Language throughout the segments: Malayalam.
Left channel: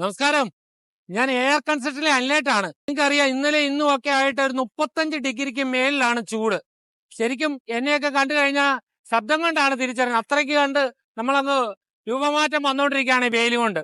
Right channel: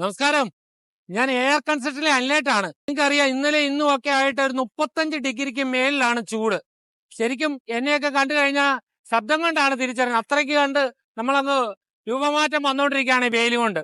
നമസ്കാരം. ഞാൻ എയർ കൺസ്ട്രക്ഷനിലെ അനിലേട്ടാണ്. നിങ്ങൾക്കറിയാം, ഇന്നലെ ഇന്നും ഒക്കെ ആയിട്ട് ഒരു 35 ഡിഗ്രിക്ക് മേലിലാണ് ചൂട്. ശരിക്കും എന്നെയൊക്കെ കണ്ടു കഴിഞ്ഞാൽ ശബ്ദം കൊണ്ടാണ് തിരിച്ചറിയുന്നത്. അത്രയ്ക്ക് കണ്ട് നമ്മളങ്ങ് രൂപമാറ്റം വന്നുകൊണ്ടിരിക്കുകയാണ് ഈ വെയിൽ കൊണ്ട്.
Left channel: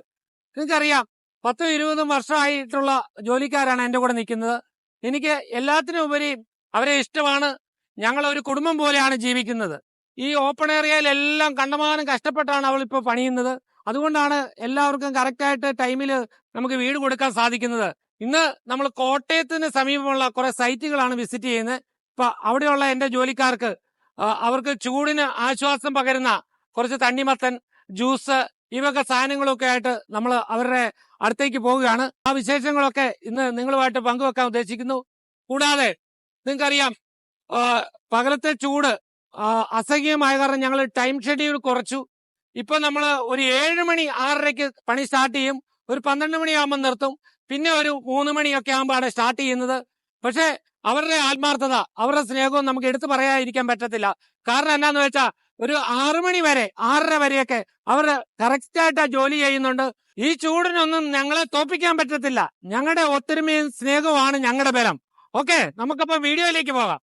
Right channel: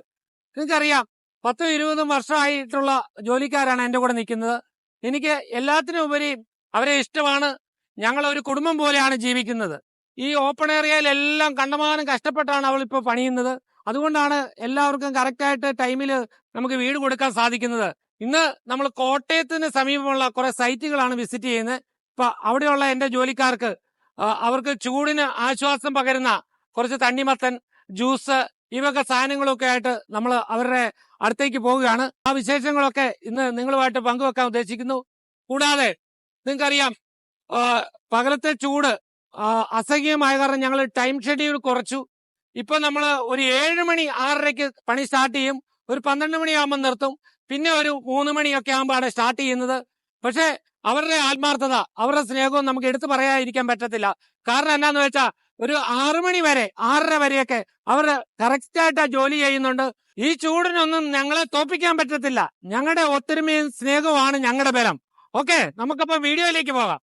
നിങ്ങൾക്കറിയാം, 10-20 വർഷമായിട്ടുള്ള ജോലിക്കാരാണ് എൻ്റെ കൂടെ നിൽക്കുന്നത്. എനിക്ക് എല്ലാത്തിനും ഉപരി അവരെ ഇഷ്ടമാണ്. ഞങ്ങളൊരു കുടുംബം പോലെയാണ് ജീവിക്കുന്നത്. ഈ ഓപ്പൺ ഏരിയയിലെല്ലാം കണ്ടമാനം കഷ്ടപ്പെട്ടാണ് അവളിപ്പോൾ പണിയുന്നത്. അതുകൊണ്ടാണ് എല്ലാവർക്കും കറക്റ്റായിട്ട് ടൈമിൽ നമുക്ക് വീട് കൊടുക്കാൻ സാധിക്കുന്നത്. ഇന്ന് നമ്മൾ കോട്ടയത്തിന് സമീപമുള്ള കുറെ സൈറ്റുകളാണ് വിസിറ്റ് ചെയ്യുന്നത്. ഇപ്പൊ അവിടെയുള്ള എൻ്റെ ജോലിക്കാർക്ക് അവർക്ക് ചൂടിന് ആശ്വാസം പകരുന്ന കുറച്ച് തണ്ണിമത്തൻ, ജ്യൂസ്, ഇവയൊക്കെ സാധനങ്ങളൊക്കെ ആയിട്ട് നമ്മൾ അവരുടെ അടുത്തേക്ക് പോവുകയാണ്. ആ വിശേഷങ്ങളൊക്കെ ഇന്ന് നിങ്ങളുമായിട്ട് പങ്കുവെക്കാൻ ഉദ്ദേശിക്കുന്നു. കൂടാതെ നിങ്ങൾക്കറിയാം, പകലത്തെ ചൂട് അസഹ്യമായ കാരണം ഞങ്ങൾ ടൈം ഷെഡ്യൂൾ കുറച്ചു. ഇപ്പൊ നമ്മൾ ഒരു 7 മണി 6:30ക്ക് പണി സ്റ്റാർട്ട് ചെയ്യും. ഒരു 12 മണിയാകുമ്പോൾ നിർത്തും. പിന്നെ ഒരു 3 മണിയൊക്കെ ആകുമ്പോഴാണ് സ്റ്റാർട്ട് ചെയ്യുന്നത്. പക്ഷെ അവരുടെ ആത്മാർത്ഥത, അവരുടെ സ്നേഹവും നമുക്ക് എടുത്തു പറയാതിരിക്കാൻ പറ്റത്തില്ല. കാരണം എന്നാന്ന് വെച്ചാൽ ഒരു 6 മണി വരെ 6:30 വരെയൊക്കെ അവർ കറക്റ്റായിട്ട് ജോലി ചെയ്യുന്നുണ്ട്. ഈ ചൂടിനൊന്നും ഞങ്ങളെ തോപ്പിക്കാൻ പറ്റത്തില്ല. ഞങ്ങളുടെ ഒത്തൊരുമയും സ്നേഹവുമാണ് ഞങ്ങളുടെ ബലം. ഓക്കെ, നമുക്കപ്പോ വീഡിയോയിലേക്ക് പോകാം.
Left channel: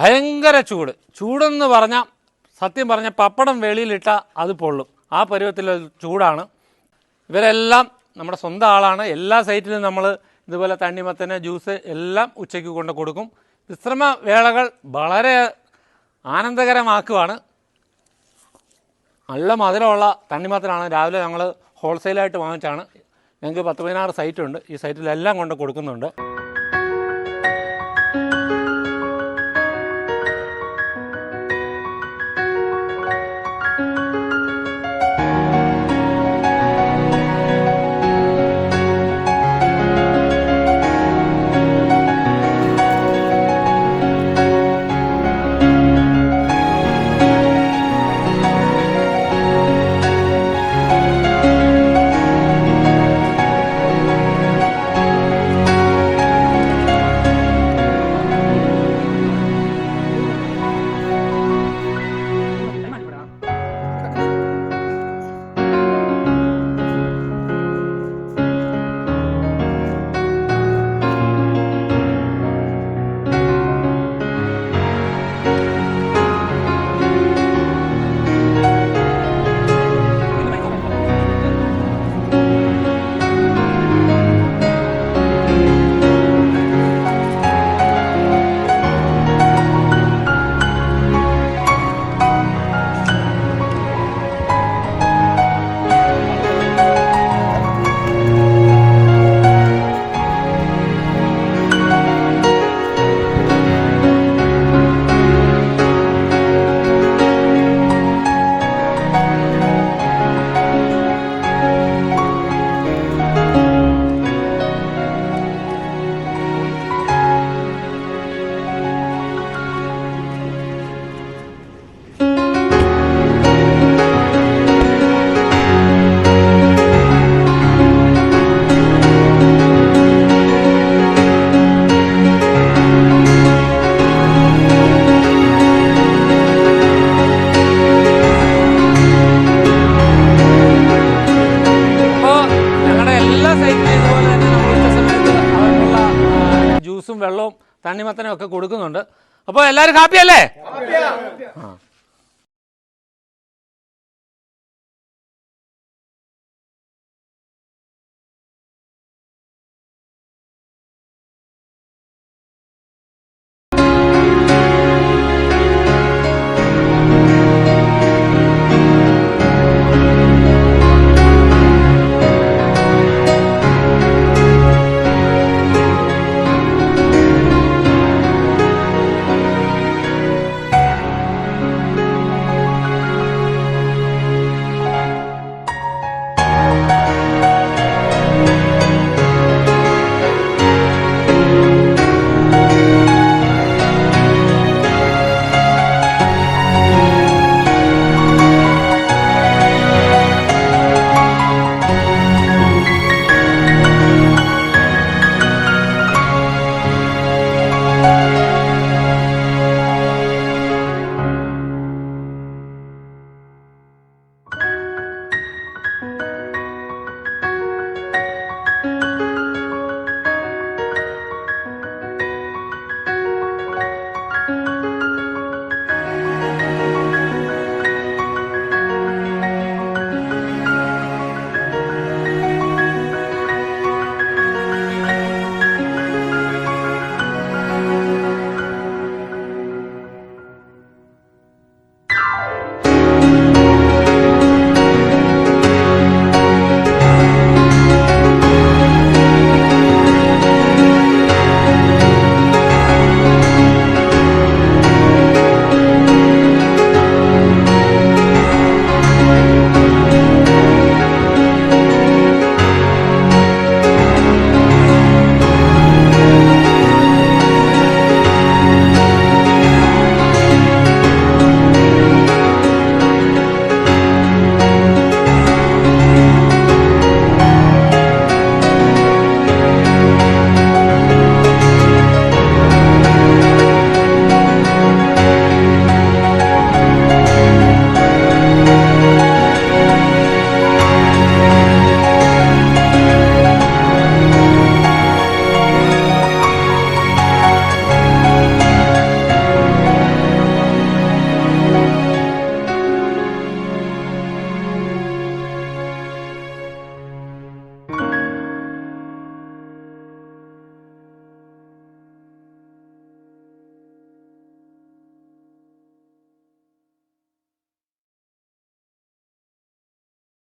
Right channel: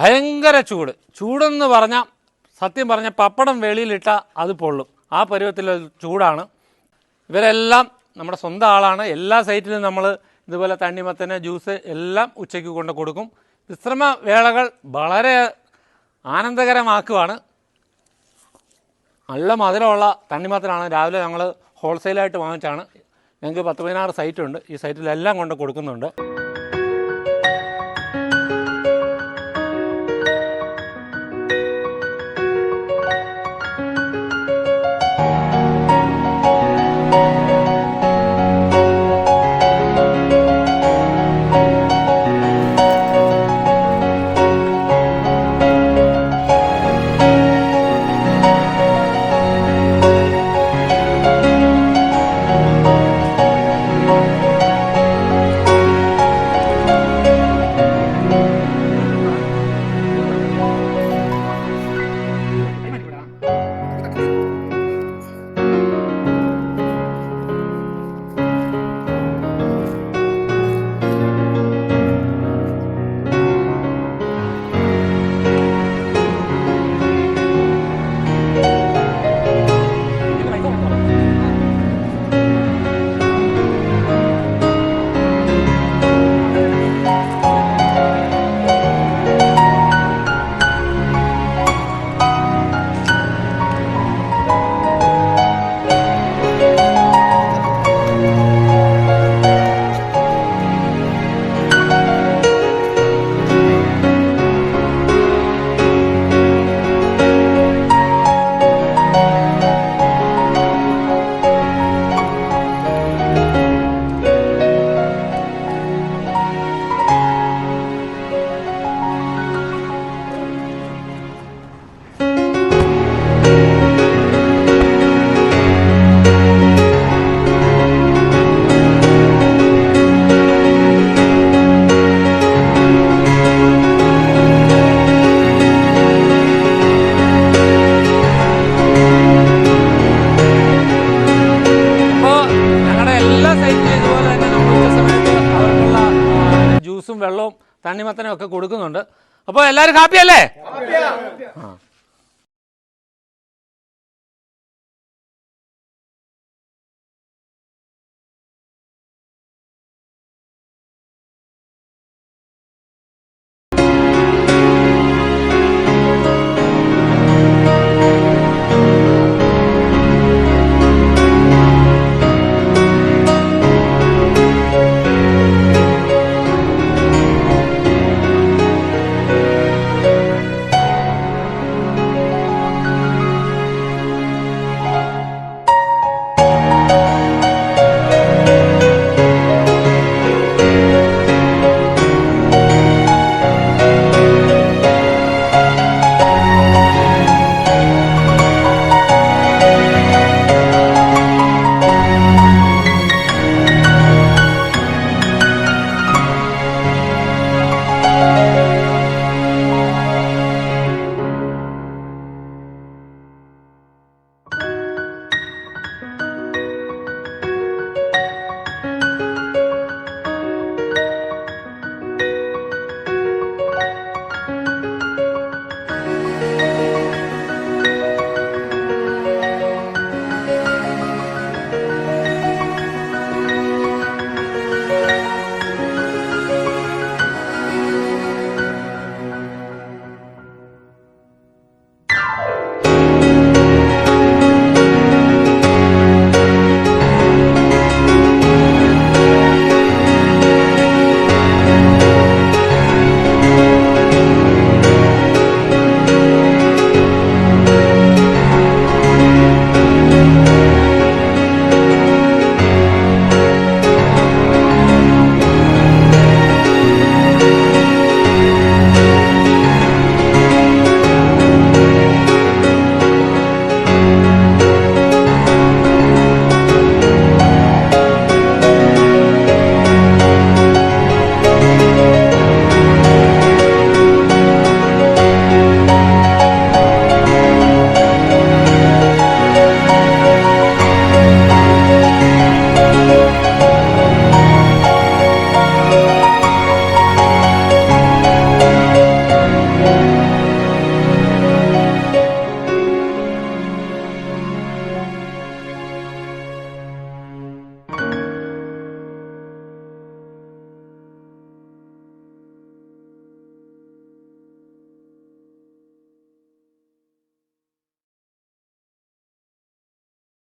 ഭയങ്കര ചൂടെന്ന് പറഞ്ഞാൽ സത്യം പറഞ്ഞ പപ്പടം വെളിയിലിട്ട അത് പൊള്ളും. ആ പരുവത്തിലുള്ള ചൂടാണ്. ഇവരെല്ലാം നമ്മുടെ സ്വന്തം ആളാണ്. എല്ലാ സൈറ്റിലും നമ്മൾ ഇതുപോലെ തണ്ണിമത്തന്, ജ്യൂസ് എല്ലാം ഉച്ചയ്ക്ക് കൊണ്ട് കൊടുക്കും. വിശ്രമ വേളകൾ വളരെ ആനന്ദകരമാക്കുവാണ്. നല്ല മധുരമുള്ള തണ്ണിമത്തനാണ്. രാവിലെ ഞങ്ങൾ ഹോൾസെയിലായിട്ട് വാങ്ങിച്ചാണ്. ഞങ്ങൾക്ക് 10-16 സൈറ്റുണ്ട്. ഈ സൈറ്റിലെല്ലാം കൊണ്ട് കൊടുക്കുന്നുണ്ട്. ഇതുപോലെ തന്നെ നമ്മൾ ഉച്ച സമയത്ത് അവർക്കുള്ള ജ്യൂസും വെള്ളവും തണ്ണിമത്തനും ഒക്കെ കൊടുക്കുന്നുണ്ട്. അപ്പോൾ എല്ലാവരും ഹാപ്പി അല്ലേ?